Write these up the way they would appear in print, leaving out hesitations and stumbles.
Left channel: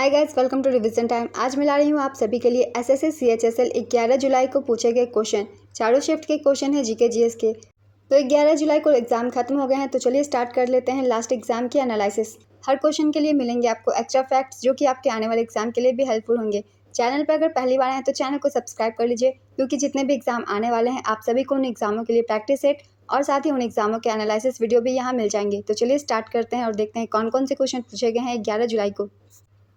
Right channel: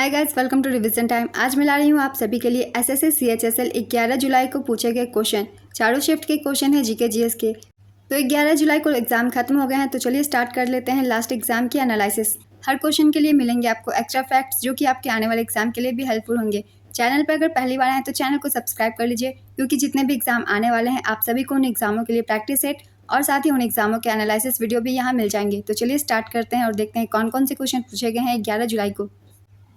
Hi guys, welcome to revision time. आज मैं ला रही हूँ आप सभी के लिए एसएससी CHSL 11 जुलाई को पूछे गए क्वेश्चन। चारों शिफ्ट के क्वेश्चन है जीके जीएस के। तो 11 जुलाई को एग्जाम खत्म हो गए हैं, तो चलिए स्टार्ट कर लेते हैं लास्ट एग्जाम की एनालिसिस। हर क्वेश्चन के लिए मिलेंगे आपको एक्स्ट्रा फैक्ट्स जो कि आपके आने वाले एग्जाम के लिए भी हेल्पफुल होंगे। चैनल पर अगर पहली बार आए तो चैनल को सब्सक्राइब कर लीजिए, क्योंकि जितने भी एग्जाम आने वाले हैं आप सभी को उन एग्जामों के लिए प्रैक्टिस सेट और साथ ही उन एग्जामों के एनालिसिस वीडियो भी यहाँ मिल जाएंगे। तो चलिए स्टार्ट करते हैं और देखते हैं कौन कौन से क्वेश्चन पूछे गए हैं 11 जुलाई को।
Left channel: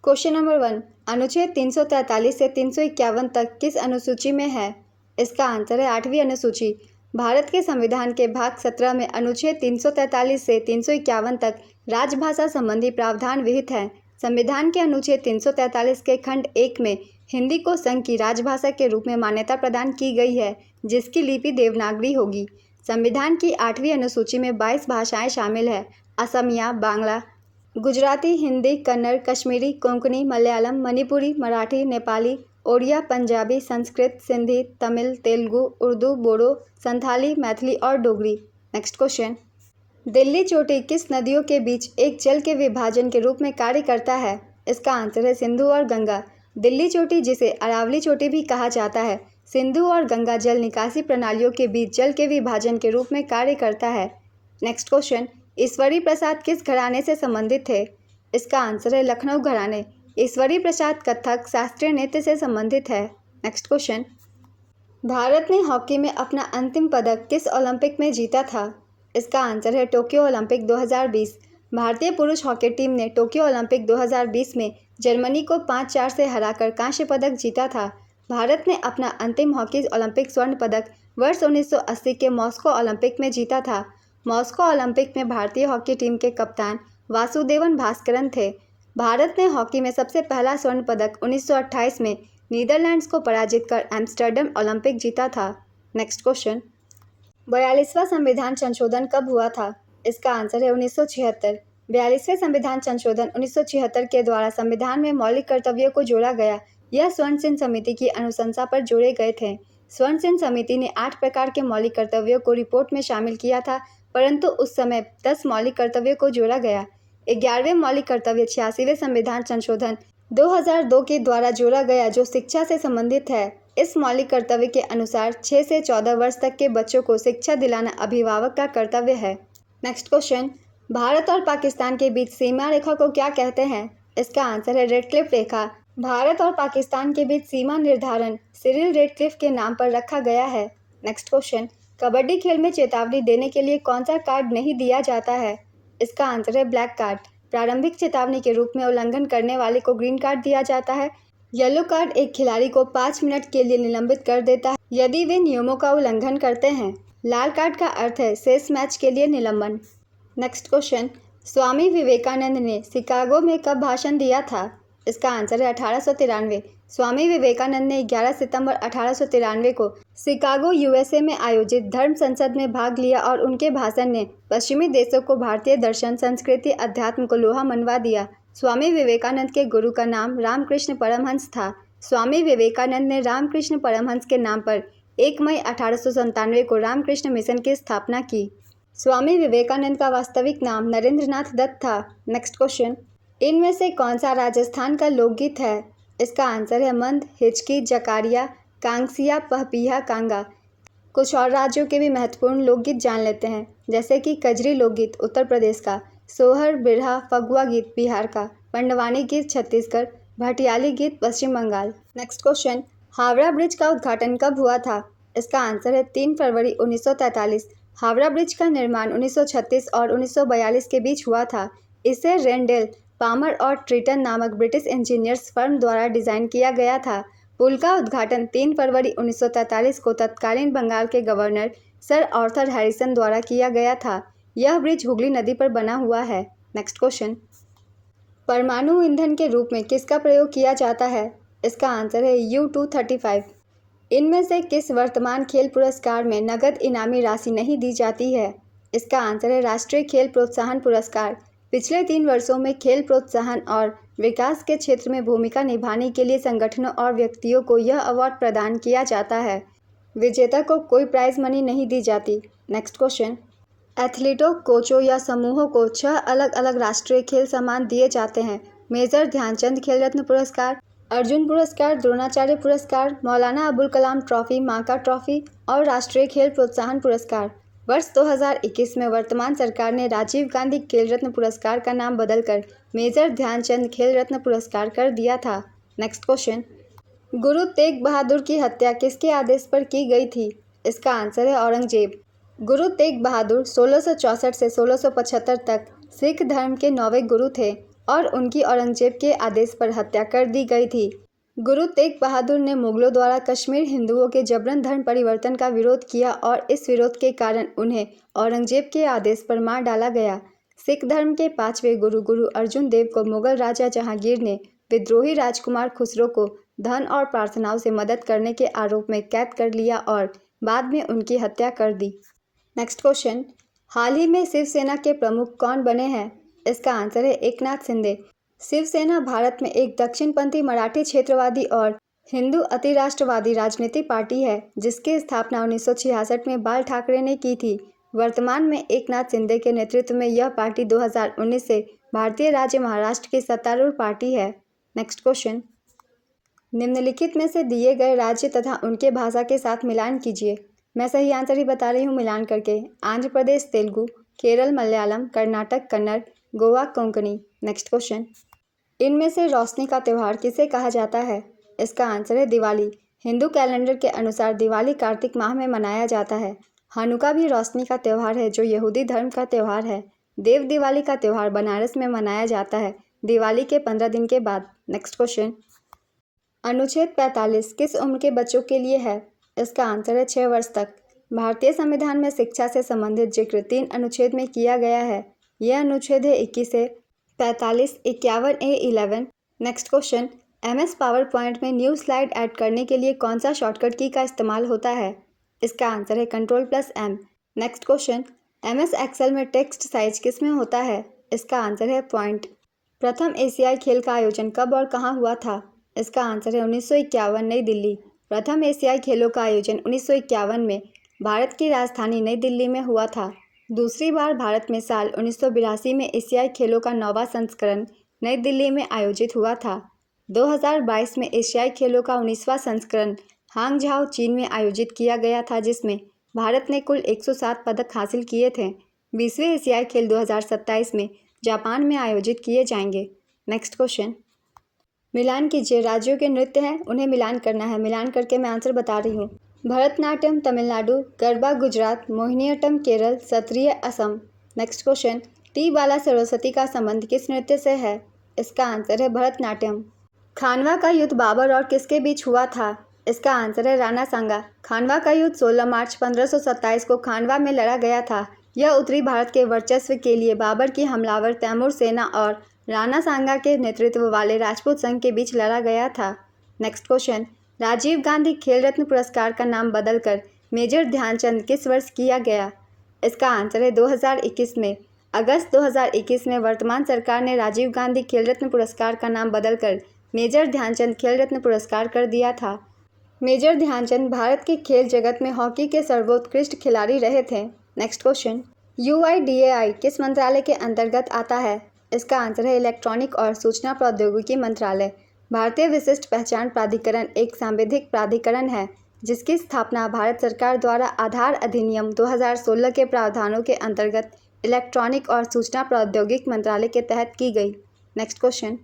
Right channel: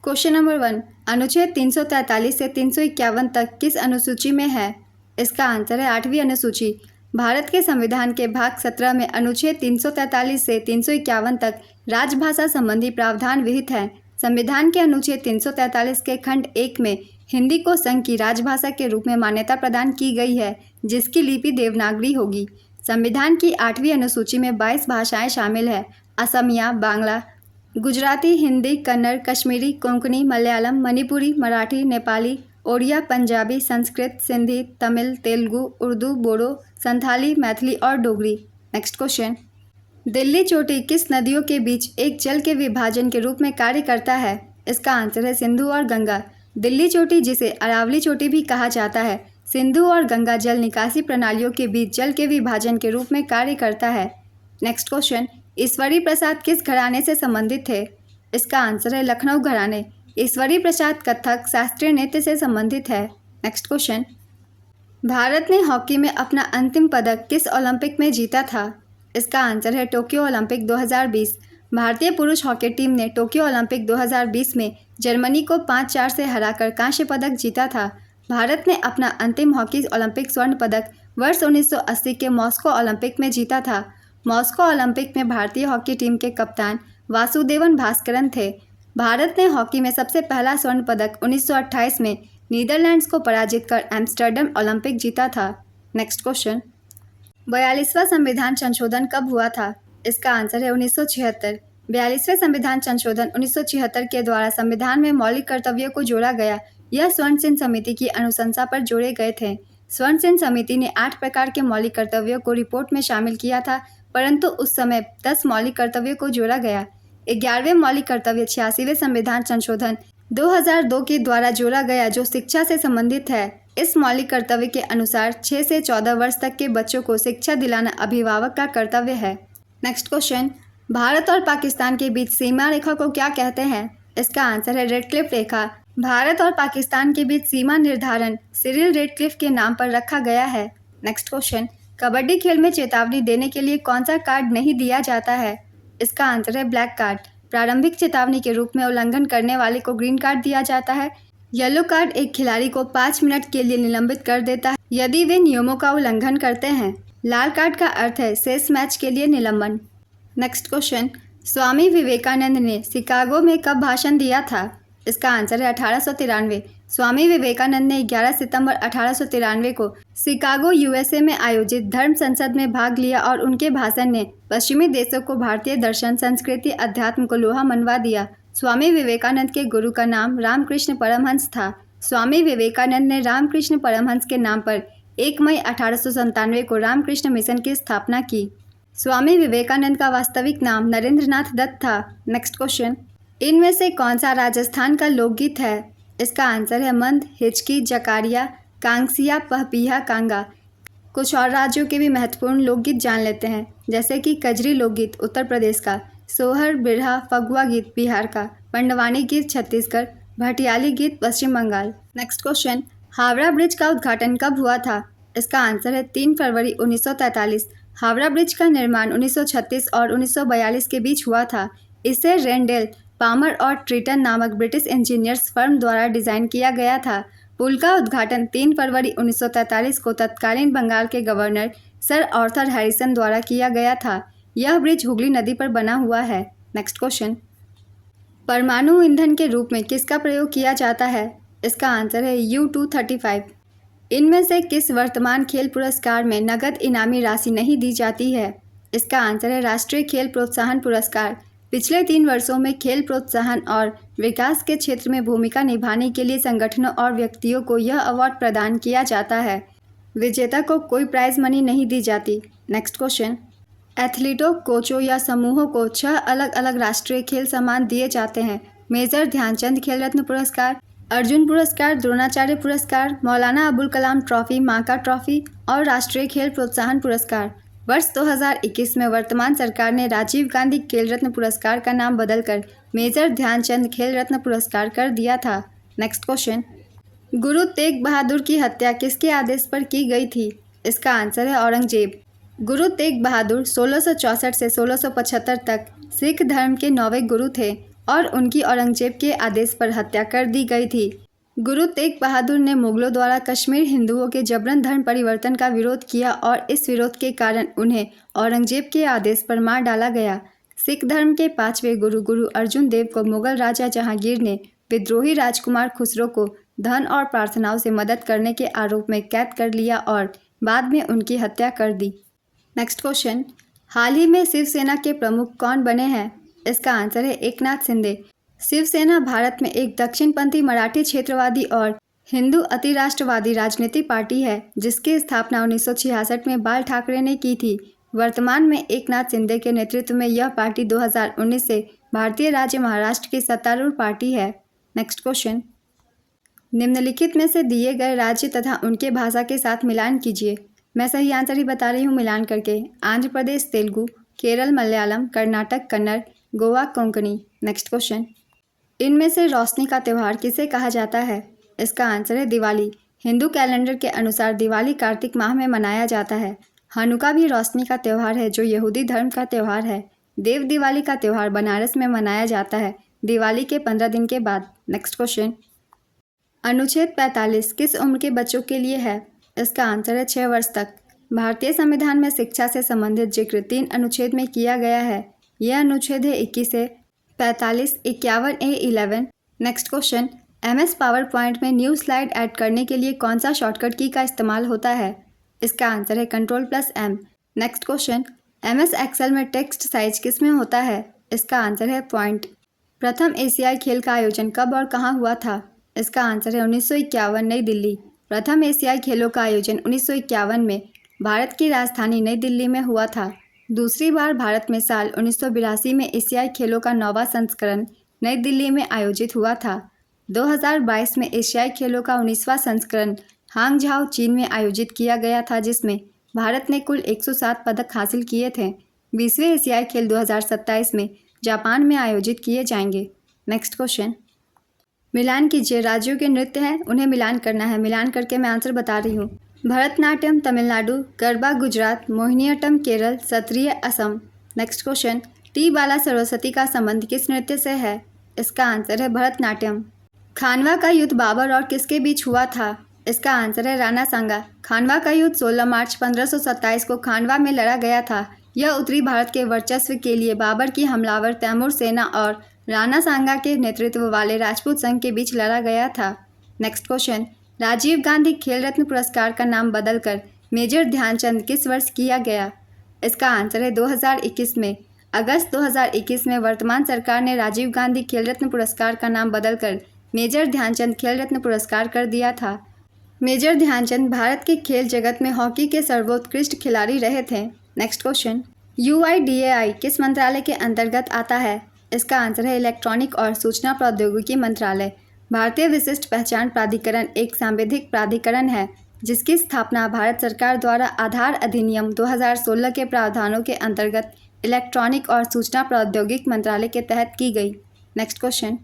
क्वेश्चन नंबर 1, अनुच्छेद 343 से 351 तक किस अनुसूची में है? इसका आंसर है 8वीं अनुसूची। भारत के संविधान के भाग 17 में अनुच्छेद 343 से 351 तक राजभाषा संबंधी प्रावधान विहित है। संविधान के अनुच्छेद 343 के खंड 1 में हिंदी को संघ की राजभाषा के रूप में मान्यता प्रदान की गई है, जिसकी लिपि देवनागरी होगी। संविधान की 8वीं अनुसूची में 22 भाषाएं शामिल है। असमिया, बांग्ला, गुजराती, हिंदी, कन्नड़, कश्मीरी, कोंकणी, मलयालम, मणिपुरी, मराठी, नेपाली, ओडिया, पंजाबी, संस्कृत, सिंधी, तमिल, तेलुगु, उर्दू, बोडो, संथाली, मैथिली और डोगरी। नेक्स्ट क्वेश्चन, दिल्ली चोटी किस नदियों के बीच एक जल के विभाजन के रूप में कार्य करता है? इसका आंसर है सिंधु और गंगा। दिल्ली चोटी, जिसे अरावली चोटी भी कहा जाता है, सिंधु और गंगा जल निकासी प्रणालियों के बीच जल के विभाजन के रूप में कार्य करता है। नेक्स्ट क्वेश्चन, ईश्वरी प्रसाद किस घराने से संबंधित थे? इसका आंसर है लखनऊ घराने। ईश्वरी प्रसाद कथक शास्त्रीय नृत्य से संबंधित है। नेक्स्ट क्वेश्चन, भारत ने हॉकी में अपना अंतिम पदक किस ओलंपिक में जीता था? इसका आंसर है टोक्यो ओलंपिक 2020। भारतीय पुरुष हॉकी टीम ने टोक्यो ओलंपिक 2020 में जर्मनी को 5-4 से हराकर कांस्य पदक जीता था। भारत ने अपना अंतिम हॉकी ओलंपिक स्वर्ण पदक वर्ष 1980 के मॉस्को ओलंपिक में जीता था। मॉस्को ओलंपिक में भारतीय हॉकी टीम के कप्तान वासुदेवन भास्करन थे। भारत ने हॉकी में सबसे पहला स्वर्ण पदक 1928 में नीदरलैंड्स को पराजित कर एम्स्टर्डम ओलंपिक जीता था। नेक्स्ट क्वेश्चन, 42वां संविधान संशोधन कब हुआ था? इसका आंसर है 1976। 42वें संविधान संशोधन 1976 के द्वारा संविधान में मौलिक कर्तव्यों को जोड़ा गया। यह स्वर्ण सिंह समिति की अनुशंसा पर जोड़े गए थे। स्वर्ण सिंह समिति ने 8 प्रकार के मौलिक कर्तव्यों को रिपोर्ट में शामिल किया था, परंतु उस समय 10 मौलिक कर्तव्यों को जोड़ा गया। 11वें मौलिक कर्तव्य 86वें संविधान संशोधन 2002 के द्वारा जोड़ा गया, जो शिक्षा से संबंधित है। इस मौलिक कर्तव्य के अनुसार 6 से 14 वर्ष तक के बच्चों को शिक्षा दिलाना अभिभावक का कर्तव्य है। नेक्स्ट क्वेश्चन, भारत और पाकिस्तान के बीच सीमा रेखा को क्या कहते हैं? इसका आंसर है रेडक्लिफ रेखा। भारत और पाकिस्तान के बीच सीमा निर्धारण सिरिल रेडक्लिफ के नाम पर रखा गया है। नेक्स्ट क्वेश्चन, कबड्डी खेल में चेतावनी देने के लिए कौन सा कार्ड नहीं दिया जाता है? इसका आंसर है ब्लैक कार्ड। प्रारंभिक चेतावनी के रूप में उल्लंघन करने वाले को ग्रीन कार्ड दिया जाता है। येलो कार्ड एक खिलाड़ी को 5 मिनट के लिए निलंबित कर देता है यदि वे नियमों का उल्लंघन करते हैं। लाल कार्ड का अर्थ है शेष मैच के लिए निलंबन। नेक्स्ट क्वेश्चन, स्वामी विवेकानंद ने शिकागो में कब भाषण दिया था? इसका आंसर है 1893। स्वामी विवेकानंद ने 11 सितंबर 1893 को शिकागो USA में आयोजित धर्म संसद में भाग लिया और उनके भाषण ने पश्चिमी देशों को भारतीय दर्शन, संस्कृति, अध्यात्म को लोहा मनवा दिया। स्वामी विवेकानंद के गुरु का नाम रामकृष्ण परमहंस था। स्वामी विवेकानंद ने रामकृष्ण परमहंस के नाम पर 1 मई 1897 को रामकृष्ण मिशन की स्थापना की। स्वामी विवेकानंद का वास्तविक नाम नरेंद्रनाथ दत्त था। नेक्स्ट क्वेश्चन, इनमें से कौन सा राजस्थान का लोकगीत है? इसका आंसर है मंद, हिचकी, जकारिया, कांगसिया, पहपिया, कांगा। कुछ और राज्यों के भी महत्वपूर्ण लोकगीत जान लेते हैं, जैसे कि कजरी लोकगीत उत्तर प्रदेश का, सोहर, बिरहा, फगुआ गीत बिहार का, पंडवानी गीत छत्तीसगढ़, भटियाली गीत Paschim Bengal. Next question, Howrah bridge का उद्घाटन कब हुआ था? इसका आंसर है 3 फरवरी 1943। हावड़ा ब्रिज का निर्माण 1936 और 1942 के बीच हुआ था। इसे रेंडेल, पामर और ट्रिटन नामक ब्रिटिश इंजीनियर्स फर्म द्वारा डिज़ाइन किया गया था। पुल का उद्घाटन 3 फरवरी 1943 को तत्कालीन बंगाल के गवर्नर सर आर्थर हैरिसन द्वारा किया गया था। यह ब्रिज हुगली नदी पर बना हुआ है। नेक्स्ट क्वेश्चन, परमाणु ईंधन के रूप में किसका प्रयोग किया जाता है? इसका आंसर है U-235। इनमें से किस वर्तमान खेल पुरस्कार में नगद इनामी राशि नहीं दी जाती है? इसका आंसर है राष्ट्रीय खेल प्रोत्साहन पुरस्कार। पिछले 3 वर्षों में खेल प्रोत्साहन और विकास के क्षेत्र में भूमिका निभाने के लिए संगठनों और व्यक्तियों को यह अवार्ड प्रदान किया जाता है। विजेता को कोई प्राइज मनी नहीं दी जाती। नेक्स्ट क्वेश्चन, एथलीटों, कोचों या समूहों को 6 अलग अलग राष्ट्रीय खेल सम्मान दिए जाते हैं। मेजर ध्यानचंद खेल रत्न पुरस्कार, अर्जुन पुरस्कार, द्रोणाचार्य पुरस्कार, मौलाना अबुल कलाम ट्रॉफी, माका ट्रॉफी और राष्ट्रीय खेल प्रोत्साहन पुरस्कार। वर्ष 2021 में वर्तमान सरकार ने राजीव गांधी खेल रत्न पुरस्कार का नाम बदलकर मेजर ध्यानचंद खेल रत्न पुरस्कार कर दिया था। नेक्स्ट क्वेश्चन, गुरु तेग बहादुर की हत्या किसके आदेश पर की गई थी? इसका आंसर है औरंगजेब। गुरु तेग बहादुर 1664 से 1675 तक सिख धर्म के 9वें गुरु थे और उनकी औरंगजेब के आदेश पर हत्या कर दी गई थी। गुरु तेग बहादुर ने मुगलों द्वारा कश्मीर हिंदुओं के जबरन धर्म परिवर्तन का विरोध किया और इस विरोध के कारण उन्हें औरंगजेब के आदेश पर मार डाला गया। सिख धर्म के 5वें गुरु गुरु अर्जुन देव को मुगल राजा जहांगीर ने विद्रोही राजकुमार खुसरो को धन और प्रार्थनाओं से मदद करने के आरोप में कैद कर लिया और बाद में उनकी हत्या कर दी। नेक्स्ट क्वेश्चन, हाल ही में शिवसेना के प्रमुख कौन बने हैं? इसका आंसर है एकनाथ शिंदे। शिवसेना भारत में एक दक्षिणपंथी मराठी क्षेत्रवादी और हिंदू अतिराष्ट्रवादी राजनीतिक पार्टी है जिसकी स्थापना 1966 में बाल ठाकरे ने की थी। वर्तमान में एकनाथ शिंदे के नेतृत्व में यह पार्टी 2019 से भारतीय राज्य महाराष्ट्र की सत्तारूढ़ पार्टी है। नेक्स्ट क्वेश्चन, निम्नलिखित में से दिए गए राज्य तथा उनके भाषा के साथ मिलान कीजिए। मैं सही आंसर ही बता रही हूँ मिलान करके। आंध्र प्रदेश तेलुगु, केरल मलयालम, कर्नाटक कन्नड़, गोवा कोंकणी। नेक्स्ट क्वेश्चन, इनमें से रोशनी का त्यौहार किसे कहा जाता है? इसका आंसर है दिवाली। हिंदू कैलेंडर के अनुसार दिवाली कार्तिक माह में मनाया जाता है। हनुका भी रोशनी का त्यौहार है जो यहूदी धर्म का त्यौहार है। देव दिवाली का त्यौहार बनारस में मनाया जाता है दिवाली के 15 दिन के बाद। नेक्स्ट क्वेश्चन, अनुच्छेद 45 किस उम्र के बच्चों के लिए है? इसका आंसर है 6 वर्ष तक। भारतीय संविधान में शिक्षा से संबंधित जिक्र 3 अनुच्छेद में किया गया है। यह अनुच्छेद है 21 से 45, 51 ए 11। Next question, MS power point में न्यू स्लाइड ऐड करने के लिए कौन सा शॉर्टकट की का इस्तेमाल होता है? इसका आंसर है Ctrl+M। Next question, MS excel में टेक्स्ट साइज किस में होता है? इसका आंसर है पॉइंट। प्रथम एशियाई खेल का आयोजन कब और कहाँ हुआ था? इसका आंसर है 1951 नई दिल्ली। प्रथम एशियाई खेलों का आयोजन 1951 में भारत की राजधानी नई दिल्ली में हुआ था। दूसरी बार भारत में साल 1982 में एशियाई खेलों का 9वां संस्करण नई दिल्ली में आयोजित हुआ था। 2022 में एशियाई खेलों का 19वां संस्करण हांगझाओ चीन में आयोजित किया गया था जिसमें भारत ने कुल 107 पदक हासिल किए थे। 20वें एशियाई खेल 2027 में जापान में आयोजित किए जाएंगे। नेक्स्ट क्वेश्चन, मिलान कीजिए। राज्यों के नृत्य हैं उन्हें मिलान करना है। मिलान करके मैं आंसर बता रही हूँ। Bharatanatyam Tamil Nadu, Garba Gujarat, Mohiniyattam Kerala, Sattriya Assam. Next question, T Bala Saraswati का संबंध किस नृत्य से है? इसका आंसर है भरतनाट्यम। खानवा का युद्ध बाबर और किसके बीच हुआ था? इसका आंसर है राणा सांगा। खानवा का युद्ध 16 मार्च 1527 को खानवा में लड़ा गया था। यह उत्तरी भारत के वर्चस्व के लिए बाबर की हमलावर तैमूर सेना और राणा सांगा के नेतृत्व वाले राजपूत संघ के बीच लड़ा गया था। नेक्स्ट क्वेश्चन, राजीव गांधी खेल रत्न पुरस्कार का नाम बदलकर मेजर ध्यानचंद किस वर्ष किया गया? इसका आंसर है 2021 में। अगस्त 2021 में वर्तमान सरकार ने राजीव गांधी खेल रत्न पुरस्कार का नाम बदलकर मेजर ध्यानचंद खेल रत्न पुरस्कार कर दिया था। मेजर ध्यानचंद भारत के खेल जगत में हॉकी के सर्वोत्कृष्ट खिलाड़ी रहे थे। नेक्स्ट क्वेश्चन, UIDAI किस मंत्रालय के अंतर्गत आता है? इसका आंसर है इलेक्ट्रॉनिक और सूचना प्रौद्योगिकी मंत्रालय। भारतीय विशिष्ट पहचान प्राधिकरण एक सांविधिक प्राधिकरण है जिसकी स्थापना भारत सरकार द्वारा आधार अधिनियम 2016 के प्रावधानों के अंतर्गत इलेक्ट्रॉनिक और सूचना प्रौद्योगिकी मंत्रालय के तहत की गई। नेक्स्ट क्वेश्चन,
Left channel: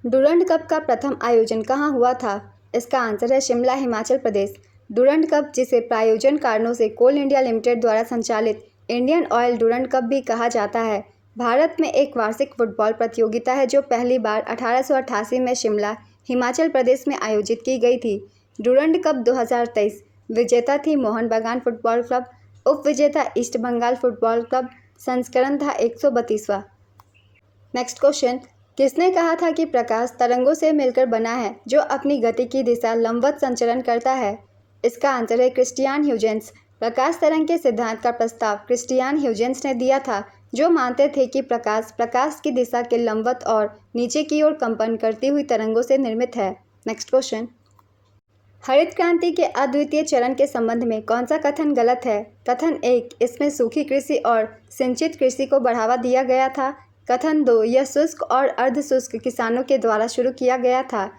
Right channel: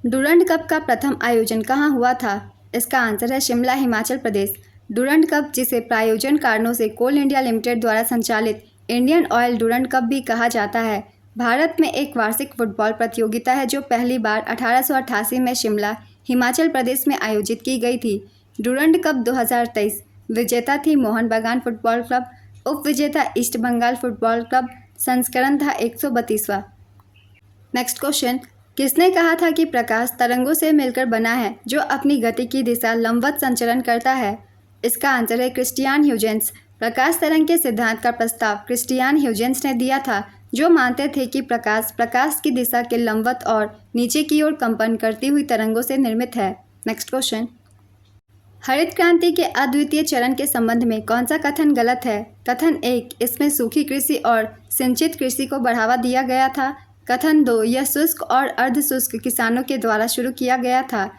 डुरंड कप का प्रथम आयोजन कहाँ हुआ था? इसका आंसर है शिमला, हिमाचल प्रदेश। डुरंड कप, जिसे प्रायोजन कारणों से कोल इंडिया लिमिटेड द्वारा संचालित इंडियन ऑयल डुरंड कप भी कहा जाता है, भारत में एक वार्षिक फुटबॉल प्रतियोगिता है जो पहली बार 1888 में शिमला, हिमाचल प्रदेश में आयोजित की गई थी। डुरंड कप 2023 विजेता थी मोहन बागान फुटबॉल क्लब, उप विजेता ईस्ट बंगाल फुटबॉल क्लब। संस्करण था 132वां। नेक्स्ट क्वेश्चन, किसने कहा था कि प्रकाश तरंगों से मिलकर बना है जो अपनी गति की दिशा लंबवत संचरण करता है? इसका आंसर है क्रिस्टियान ह्यूजेंस। प्रकाश तरंग के सिद्धांत का प्रस्ताव क्रिस्टियान ह्यूजेंस ने दिया था जो मानते थे कि प्रकाश की दिशा के लंबवत और नीचे की ओर कंपन करती हुई तरंगों से निर्मित है। नेक्स्ट क्वेश्चन, हरित क्रांति के अद्वितीय चरण के संबंध में कौन सा कथन गलत है? कथन 1, इसमें सूखी कृषि और सिंचित कृषि को बढ़ावा दिया गया था। कथन 2, यह शुष्क और अर्ध शुष्क किसानों के द्वारा शुरू किया गया था।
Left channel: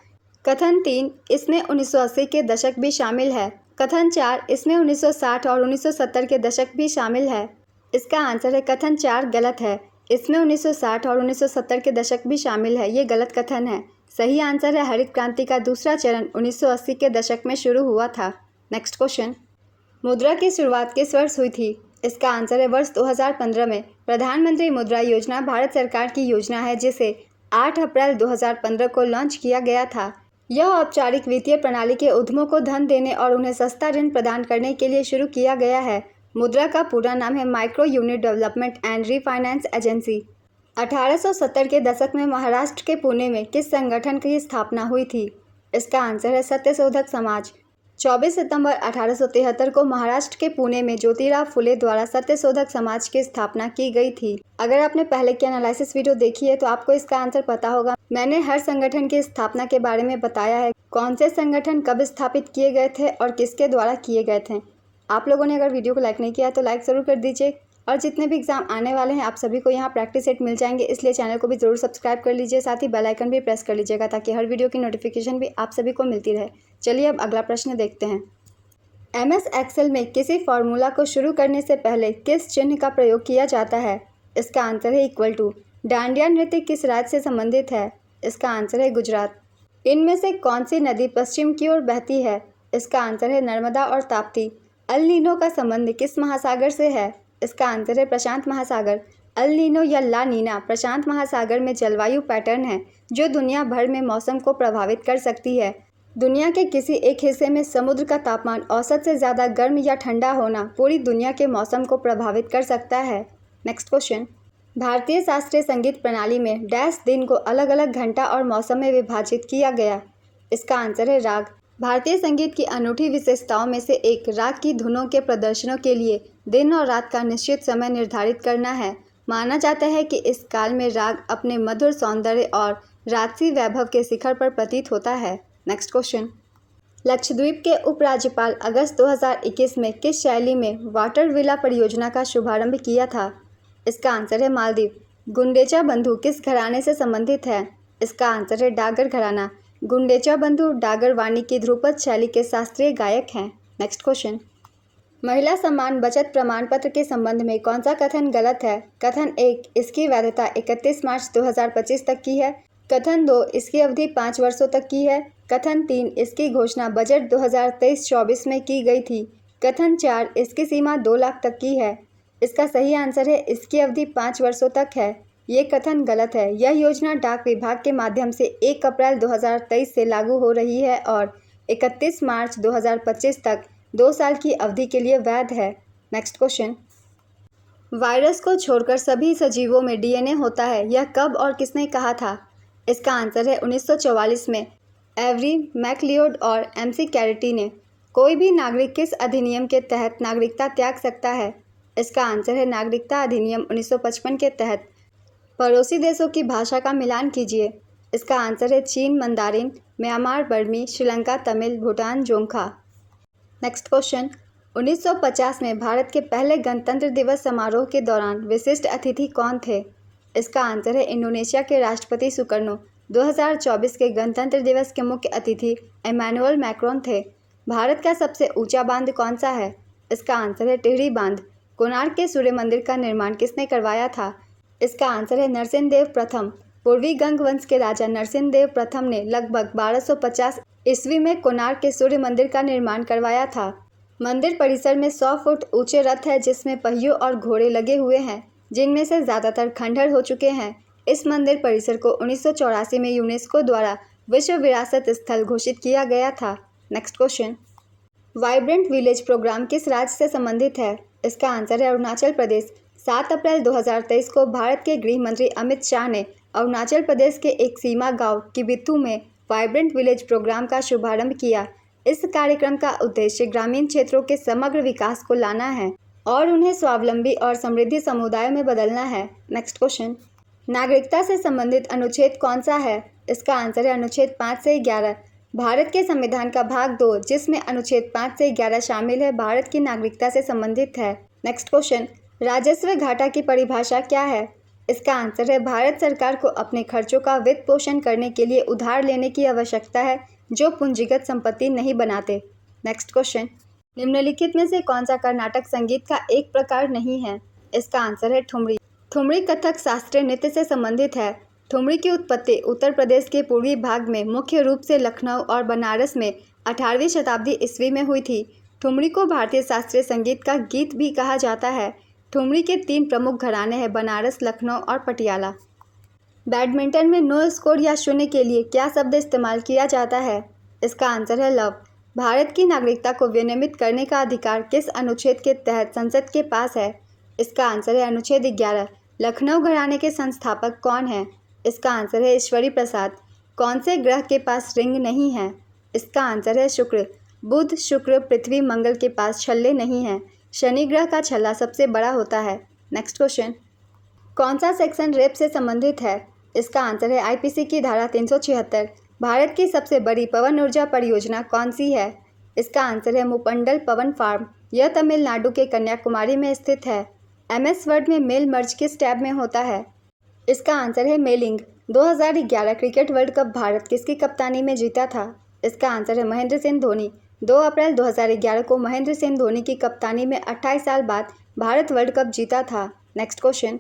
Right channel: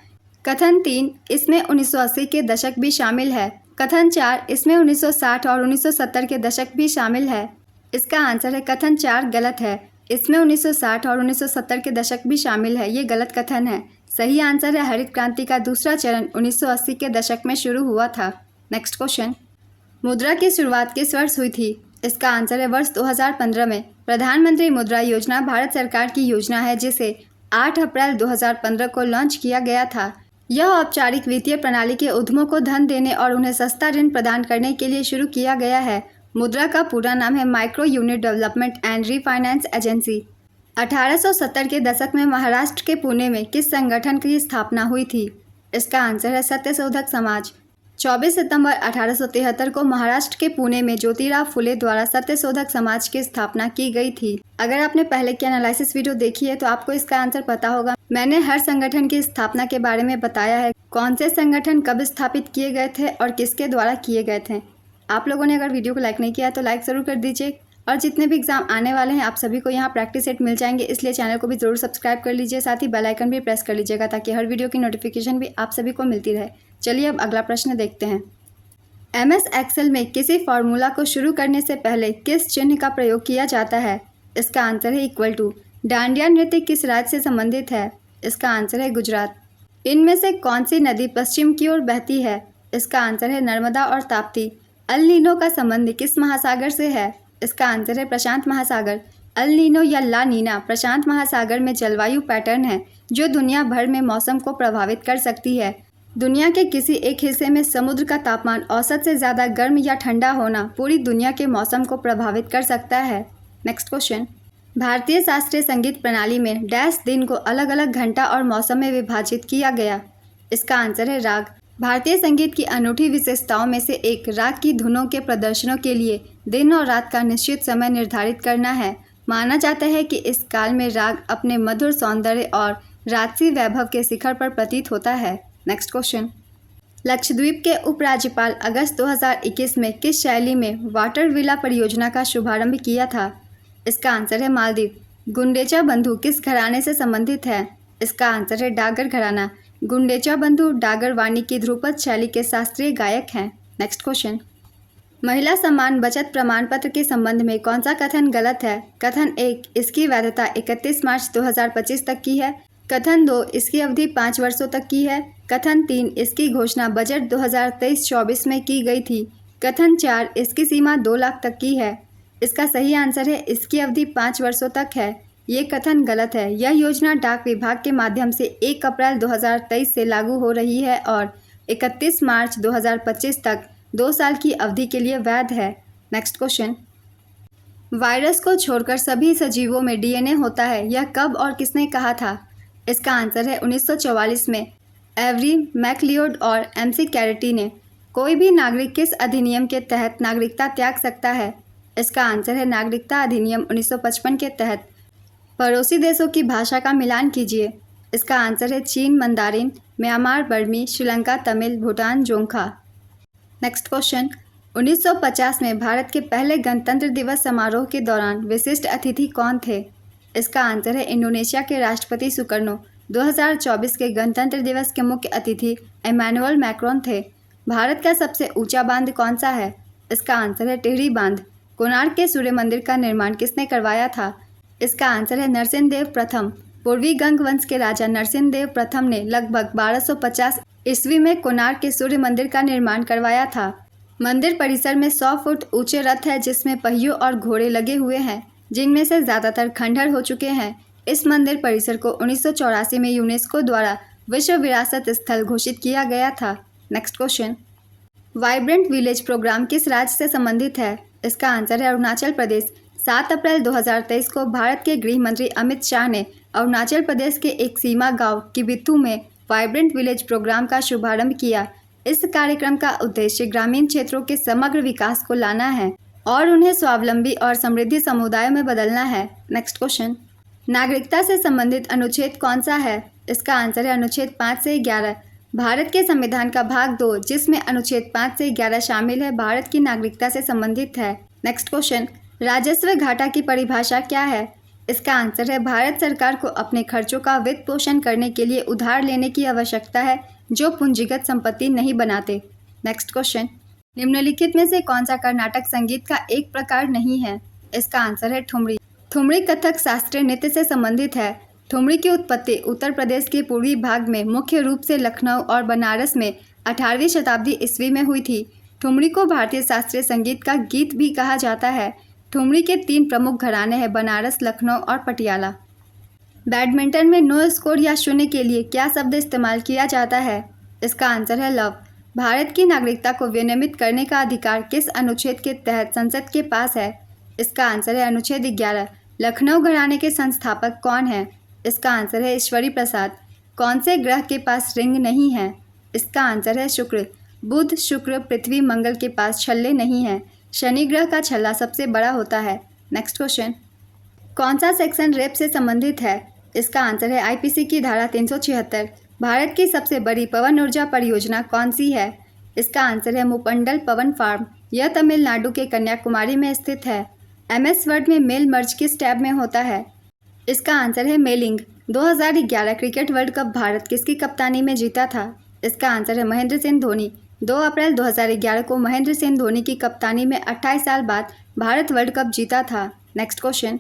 कथन 3, इसमें 1980 के दशक भी शामिल है। कथन 4, इसमें 1960 और 1970 के दशक भी शामिल है। इसका आंसर है कथन 4 गलत है। इसमें 1960 और 1970 के दशक भी शामिल है। ये गलत कथन है। सही आंसर है हरित क्रांति का दूसरा चरण 1980 के दशक में शुरू हुआ था। नेक्स्ट क्वेश्चन, मुद्रा की शुरुआत किस वर्ष हुई थी? इसका आंसर है वर्ष 2015 में। प्रधानमंत्री मुद्रा योजना भारत सरकार की योजना है जिसे 8 अप्रैल 2015 को लॉन्च किया गया था। यह औपचारिक वित्तीय प्रणाली के उद्यमों को धन देने और उन्हें सस्ता ऋण प्रदान करने के लिए शुरू किया गया है। मुद्रा का पूरा नाम है micro unit development and refinance agency. 1870 के दशक में महाराष्ट्र के पुणे में किस संगठन की स्थापना हुई थी? इसका आंसर है सत्यशोधक समाज। 24 सितंबर 1873 को महाराष्ट्र के पुणे में ज्योतिराव फुले द्वारा सत्यशोधक समाज की स्थापना की गई थी। अगर आपने पहले की एनालिसिस वीडियो देखी है तो आपको इसका आंसर पता होगा। मैंने हर संगठन की स्थापना के बारे में बताया है, कौन से संगठन कब स्थापित किए गए थे और किसके द्वारा किए गए थे। आप लोगों ने अगर वीडियो को लाइक नहीं किया तो लाइक ज़रूर कर दीजिए। और जितने भी एग्जाम आने वाले हैं आप सभी को यहाँ प्रैक्टिस सेट मिल जाएंगे, इसलिए चैनल को भी ज़रूर सब्सक्राइब कर लीजिए, साथ ही बेल आइकन भी प्रेस कर लीजिएगा ताकि हर वीडियो की नोटिफिकेशन भी आप सभी को मिलती रहे। चलिए अब अगला प्रश्न देखते हैं। MS एक्सेल में किसी फॉर्मूला को शुरू करने से पहले किस चिन्ह का प्रयोग किया जाता है? इसका आंसर है इक्वल टू। डांडिया नृत्य किस राज्य से संबंधित है? इसका आंसर है गुजरात। इनमें से कौन सी नदी पश्चिम की ओर बहती है? इसका आंसर है नर्मदा और ताप्ती। अल नीनो का संबंध किस महासागर से है? इसका आंसर है प्रशांत महासागर। अल नीनो या ला नीना प्रशांत महासागर में जलवायु पैटर्न है जो दुनिया भर में मौसम को प्रभावित कर सकती है। दुनिया के किसी एक हिस्से में समुद्र का तापमान औसत से ज़्यादा गर्म या ठंडा होना पूरी दुनिया के मौसम को प्रभावित कर सकता है। नेक्स्ट क्वेश्चन, भारतीय शास्त्रीय संगीत प्रणाली में डैश दिन को अलग अलग घंटा और मौसम में विभाजित किया गया। इसका आंसर है राग। भारतीय संगीत की अनूठी विशेषताओं में से एक राग की धुनों के प्रदर्शनों के लिए दिन और रात का निश्चित समय निर्धारित करना है। माना जाता है कि इस काल में राग अपने मधुर सौंदर्य और राजसी वैभव के शिखर पर प्रतीत होता है। नेक्स्ट क्वेश्चन, लक्षद्वीप के उपराज्यपाल अगस्त 2021 में किस शैली में वाटर विला परियोजना का शुभारंभ किया था? इसका आंसर है मालदीव। गुंडेचा बंधु किस घराने से संबंधित है? इसका आंसर है डागर घराना। गुंडेचा बंधु डागर वाणी की ध्रुपद शैली के शास्त्रीय गायक हैं। नेक्स्ट क्वेश्चन, महिला सम्मान बचत प्रमाण पत्र के संबंध में कौन सा कथन गलत है? कथन 1, इसकी वैधता 31 मार्च 2025 तक की है। कथन 2, इसकी अवधि 5 वर्षों तक की है। कथन 3, इसकी घोषणा बजट 2023-24 में की गई थी। कथन 4, इसकी सीमा 2 लाख तक की है। इसका सही आंसर है इसकी अवधि 5 वर्षों तक है। ये कथन गलत है। यह योजना डाक विभाग के माध्यम से 1 अप्रैल 2023 से लागू हो रही है और 31 मार्च 2025 तक 2 साल की अवधि के लिए वैध है। नेक्स्ट क्वेश्चन, वायरस को छोड़कर सभी सजीवों में DNA होता है, यह कब और किसने कहा था? इसका आंसर है 1944 में एवरी मैकलियोड और MC कैरेटी ने। कोई भी नागरिक किस अधिनियम के तहत नागरिकता त्याग सकता है? इसका आंसर है नागरिकता अधिनियम 1955 के तहत। पड़ोसी देशों की भाषा का मिलान कीजिए। इसका आंसर है चीन मंदारिन, म्यांमार बर्मी, श्रीलंका तमिल, भूटान जोंखा। नेक्स्ट क्वेश्चन, 1950 में भारत के पहले गणतंत्र दिवस समारोह के दौरान विशिष्ट अतिथि कौन थे? इसका आंसर है इंडोनेशिया के राष्ट्रपति सुकर्नो। 2024 के गणतंत्र दिवस के मुख्य अतिथि इमैनुअल मैक्रोन थे। भारत का सबसे ऊंचा बांध कौन सा है? इसका आंसर है टिहरी बांध। कोणार्क के सूर्य मंदिर का निर्माण किसने करवाया था? इसका आंसर है नरसिंहदेव प्रथम। पूर्वी गंग वंश के राजा नरसिंहदेव प्रथम ने लगभग 1250 ईस्वी में कोणार्क के सूर्य मंदिर का निर्माण करवाया था। मंदिर परिसर में 100 फुट ऊंचे रथ है जिसमें पहियों और घोड़े लगे हुए हैं, जिनमें से ज़्यादातर खंडहर हो चुके हैं। इस मंदिर परिसर को 1984 में यूनेस्को द्वारा विश्व विरासत स्थल घोषित किया गया था। Next question, vibrant village programme किस राज्य से संबंधित है? इसका आंसर है अरुणाचल प्रदेश। 7 अप्रैल 2023 को भारत के गृह मंत्री अमित शाह ने अरुणाचल प्रदेश के एक सीमा गांव किबिथु में वाइब्रेंट विलेज प्रोग्राम का शुभारंभ किया। इस कार्यक्रम का उद्देश्य ग्रामीण क्षेत्रों के समग्र विकास को लाना है और उन्हें स्वावलंबी और समृद्धि समुदायों में बदलना है। नेक्स्ट क्वेश्चन, नागरिकता से संबंधित अनुच्छेद कौन सा है? इसका आंसर है अनुच्छेद 5 से 11। भारत के संविधान का भाग 2 जिसमें अनुच्छेद 5 से 11 शामिल है, भारत की नागरिकता से संबंधित है। नेक्स्ट क्वेश्चन, राजस्व घाटा की परिभाषा क्या है? इसका आंसर है भारत सरकार को अपने खर्चों का वित्त पोषण करने के लिए उधार लेने की आवश्यकता है जो पूंजीगत संपत्ति नहीं बनाते। नेक्स्ट क्वेश्चन, निम्नलिखित में से कौन सा कर्नाटक संगीत का एक प्रकार नहीं है? इसका आंसर है ठुमरी। ठुमरी कथक शास्त्रीय नृत्य से संबंधित है। ठुमरी की उत्पत्ति उत्तर प्रदेश के पूर्वी भाग में मुख्य रूप से लखनऊ और बनारस में 18वीं शताब्दी ईस्वी में हुई थी। ठुमरी को भारतीय शास्त्रीय संगीत का गीत भी कहा जाता है। ठुमरी के 3 प्रमुख घराने हैं, बनारस, लखनऊ और पटियाला। बैडमिंटन में नो स्कोर या शून्य के लिए क्या शब्द इस्तेमाल किया जाता है? इसका आंसर है लव। भारत की नागरिकता को विनियमित करने का अधिकार किस अनुच्छेद के तहत संसद के पास है? इसका आंसर है अनुच्छेद 11। लखनऊ घराने के संस्थापक कौन है? इसका आंसर है ईश्वरी प्रसाद। कौन से ग्रह के पास रिंग नहीं है? इसका आंसर है शुक्र। बुध, शुक्र, पृथ्वी, मंगल के पास छल्ले नहीं हैं। शनि ग्रह का छल्ला सबसे बड़ा होता है। नेक्स्ट क्वेश्चन, कौन सा सेक्शन रेप से संबंधित है? इसका आंसर है आईपीसी की धारा 376। भारत की सबसे बड़ी पवन ऊर्जा परियोजना कौन सी है? इसका आंसर है मुपंडल पवन फार्म। यह तमिलनाडु के कन्याकुमारी में स्थित है। एमएस वर्ड में मेल मर्ज किस टैब में होता है? इसका आंसर है mailing. 2011 cricket world cup Bharat किसकी कप्तानी में जीता था? इसका आंसर है महेंद्र सिंह धोनी। 2 अप्रैल 2011 को महेंद्र सिंह धोनी की कप्तानी में 28 साल बाद भारत वर्ल्ड कप जीता था। नेक्स्ट क्वेश्चन,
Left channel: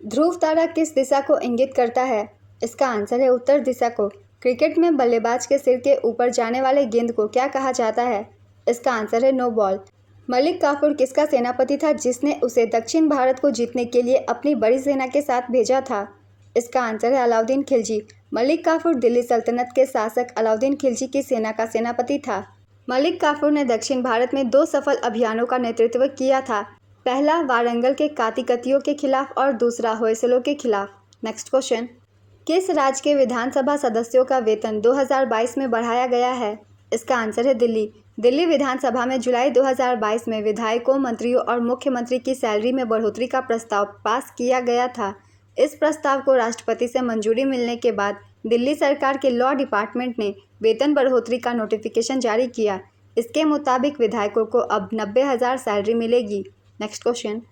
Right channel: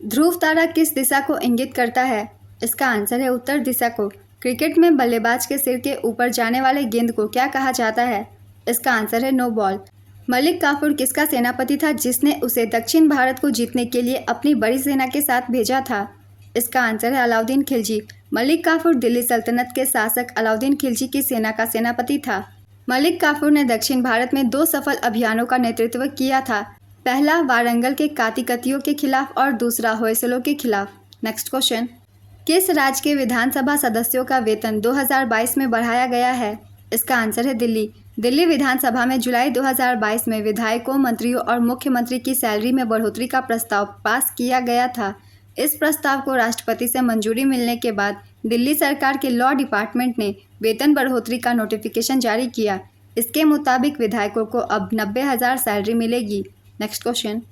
ध्रुव तारा किस दिशा को इंगित करता है? इसका आंसर है उत्तर दिशा को। क्रिकेट में बल्लेबाज के सिर के ऊपर जाने वाले गेंद को क्या कहा जाता है? इसका आंसर है नो बॉल। मलिक काफूर किसका सेनापति था जिसने उसे दक्षिण भारत को जीतने के लिए अपनी बड़ी सेना के साथ भेजा था? इसका आंसर है अलाउद्दीन खिलजी। मलिक काफूर दिल्ली सल्तनत के शासक अलाउद्दीन खिलजी की सेना का सेनापति था। मलिक काफूर ने दक्षिण भारत में 2 सफल अभियानों का नेतृत्व किया था। पहला वारंगल के कातिकतियों के खिलाफ और दूसरा होयसलों के खिलाफ। नेक्स्ट क्वेश्चन, किस राज्य के विधानसभा सदस्यों का वेतन 2022 में बढ़ाया गया है? इसका आंसर है दिल्ली। दिल्ली विधानसभा में जुलाई 2022 में विधायकों, मंत्रियों और मुख्यमंत्री की सैलरी में बढ़ोतरी का प्रस्ताव पास किया गया था। इस प्रस्ताव को राष्ट्रपति से मंजूरी मिलने के बाद दिल्ली सरकार के लॉ डिपार्टमेंट ने वेतन बढ़ोतरी का नोटिफिकेशन जारी किया। इसके मुताबिक विधायकों को अब 90,000 सैलरी मिलेगी। नेक्स्ट क्वेश्चन,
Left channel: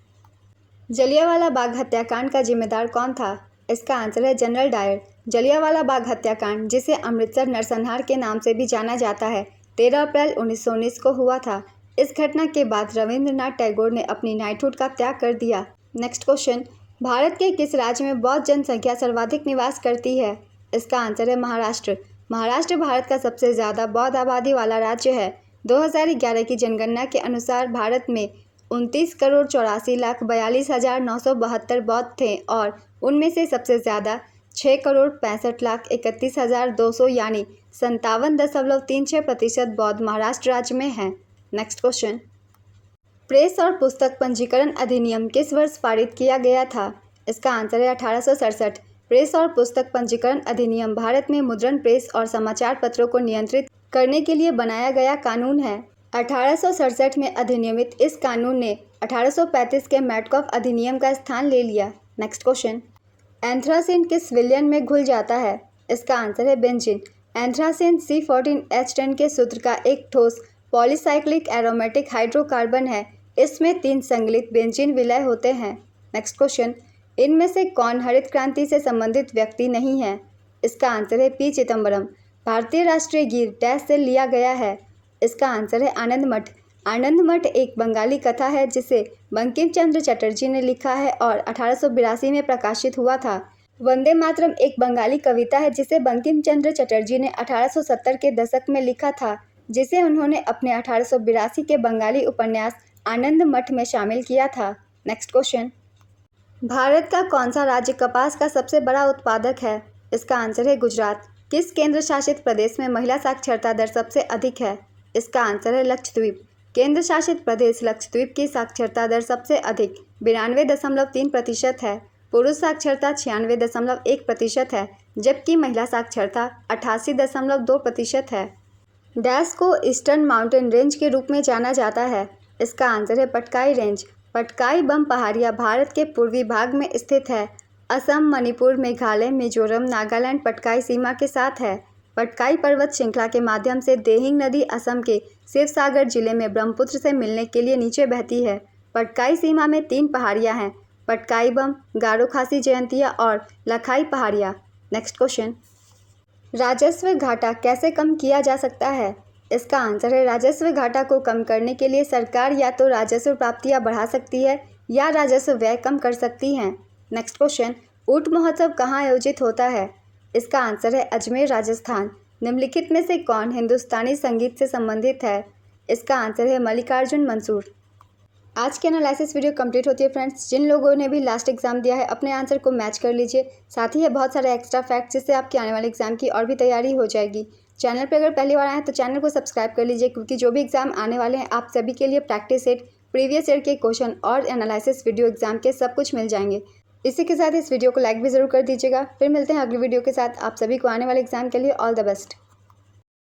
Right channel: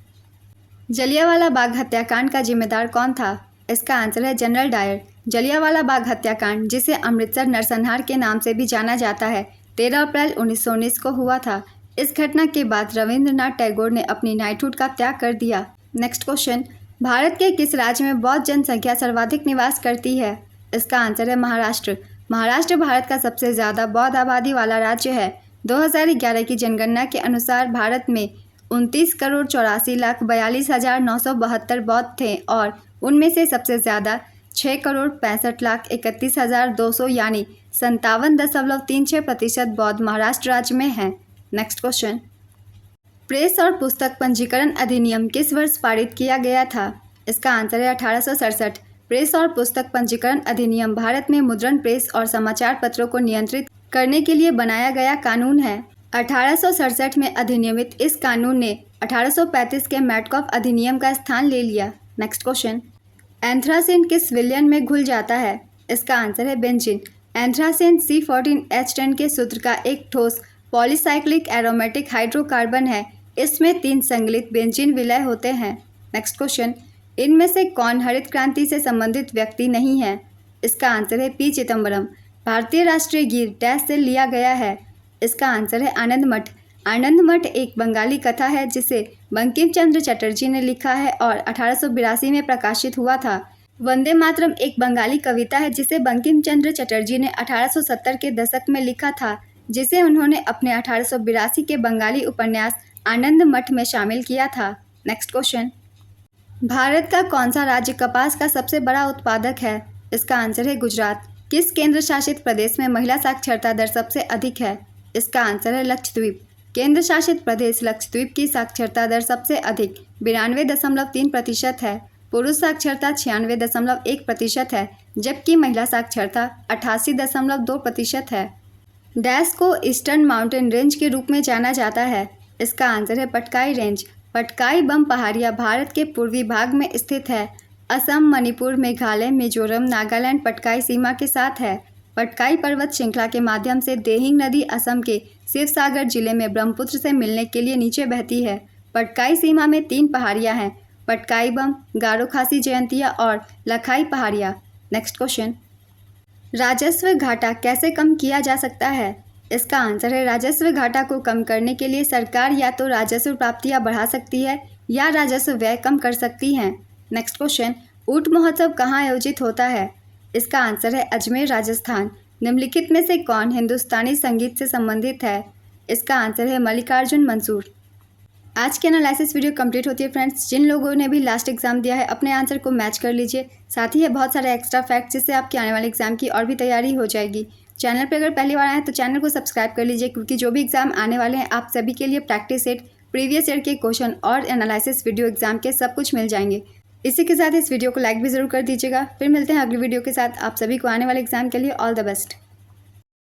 जलियांवाला बाग हत्याकांड का जिम्मेदार कौन था? इसका आंसर है जनरल डायर। जलियांवाला बाग हत्याकांड, जिसे अमृतसर नरसंहार के नाम से भी जाना जाता है, 13 अप्रैल 1919 को हुआ था। इस घटना के बाद रविंद्रनाथ टैगोर ने अपनी नाइटहुड का त्याग कर दिया। नेक्स्ट क्वेश्चन, भारत के किस राज्य में बौद्ध जनसंख्या सर्वाधिक निवास करती है? इसका आंसर है महाराष्ट्र। महाराष्ट्र भारत का सबसे ज़्यादा बौद्ध आबादी वाला राज्य है। 2011 की जनगणना के अनुसार भारत में 29,84,42,972 बौद्ध थे और उनमें से सबसे ज़्यादा 6,65,31,200 यानी 57.36% बौद्ध महाराष्ट्र राज्य में हैं। नेक्स्ट क्वेश्चन, प्रेस और पुस्तक पंजीकरण अधिनियम किस वर्ष पारित किया गया था? इसका आंसर है 1867। प्रेस और पुस्तक पंजीकरण अधिनियम भारत में मुद्रण प्रेस और समाचार पत्रों को नियंत्रित करने के लिए बनाया गया कानून है। 1867 में अधिनियमित इस कानून ने 1835 के मैटकॉफ अधिनियम का स्थान ले लिया। नेक्स्ट क्वेश्चन, एंथ्रासिन किस विलयन में घुल जाता है? इसका आंसर है बेंजीन। एंथ्रासिन C14H10 के सूत्र का एक ठोस पॉलीसाइक्लिक एरोमेटिक हाइड्रोकार्बन है। इसमें 3 संगलित बेंजीन विलय होते हैं। नेक्स्ट क्वेश्चन, इनमें से कौन हरित क्रांति से संबंधित व्यक्ति नहीं है? इसका आंसर है पी चिदम्बरम। भारतीय राष्ट्रीय गीत डैश से लिया गया है। इसका आंसर है आनंद मठ। आनंद मठ एक बंगाली कथा है जिसे बंकिम चंद्र चटर्जी ने लिखा है और 1882 में प्रकाशित हुआ था। वंदे मातरम एक बंगाली कविता है जिसे बंकिम चंद्र चटर्जी ने 1870 के दशक में लिखा था, जिसे उन्होंने अपने 1882 के बंगाली उपन्यास आनंद मठ में शामिल किया था। नेक्स्ट क्वेश्चन, भारत का कौन सा राज्य कपास का सबसे बड़ा उत्पादक है? इसका आंसर है गुजरात। किस केंद्र शासित प्रदेश में महिला साक्षरता दर सबसे अधिक है? इसका आंसर है लक्षद्वीप। केंद्र शासित प्रदेश लक्षद्वीप की साक्षरता दर सबसे अधिक 92.3% है। पुरुष साक्षरता 96.1% है, जबकि महिला साक्षरता 88.2% है। डैश को ईस्टर्न माउंटेन रेंज के रूप में जाना जाता है। इसका आंसर है पटकाई रेंज। पटकाई बम पहाड़ियाँ भारत के पूर्वी भाग में स्थित है। असम, मणिपुर, मेघालय, मिजोरम, नागालैंड पटकाई सीमा के साथ है। पटकाई पर्वत श्रृंखला के माध्यम से देहिंग नदी असम के शिवसागर जिले में ब्रह्मपुत्र से मिलने के लिए नीचे बहती है। पटकाई सीमा में 3 पहाड़ियाँ हैं, पटकाई बम, गारो खासी जयंतिया और लखाई पहाड़िया। नेक्स्ट क्वेश्चन, राजस्व घाटा कैसे कम किया जा सकता है? इसका आंसर है राजस्व घाटा को कम करने के लिए सरकार या तो राजस्व प्राप्तियां बढ़ा सकती है या राजस्व व्यय कम कर सकती है। नेक्स्ट क्वेश्चन, ऊंट महोत्सव कहाँ आयोजित होता है? इसका आंसर है अजमेर, राजस्थान। निम्नलिखित में से कौन हिंदुस्तानी संगीत से संबंधित है? इसका आंसर है मल्लिकार्जुन मंसूर। आज की एनालिसिस वीडियो कंप्लीट होती है फ्रेंड्स। जिन लोगों ने भी लास्ट एग्जाम दिया है अपने आंसर को मैच कर लीजिए। साथ ही है बहुत सारे एक्स्ट्रा फैक्ट्स जिससे आपकी आने वाले एग्जाम की और भी तैयारी हो जाएगी। चैनल पर अगर पहली बार आए तो चैनल को सब्सक्राइब कर लीजिए, क्योंकि जो भी एग्जाम आने वाले हैं आप सभी के लिए प्रैक्टिस सेट, प्रीवियस ईयर के क्वेश्चन और एनालिसिस वीडियो एग्जाम के सब कुछ मिल जाएंगे। इसी के साथ इस वीडियो को लाइक भी ज़रूर कर दीजिएगा। फिर मिलते हैं अगली वीडियो के साथ। आप सभी को आने वाले एग्जाम के लिए ऑल द बेस्ट।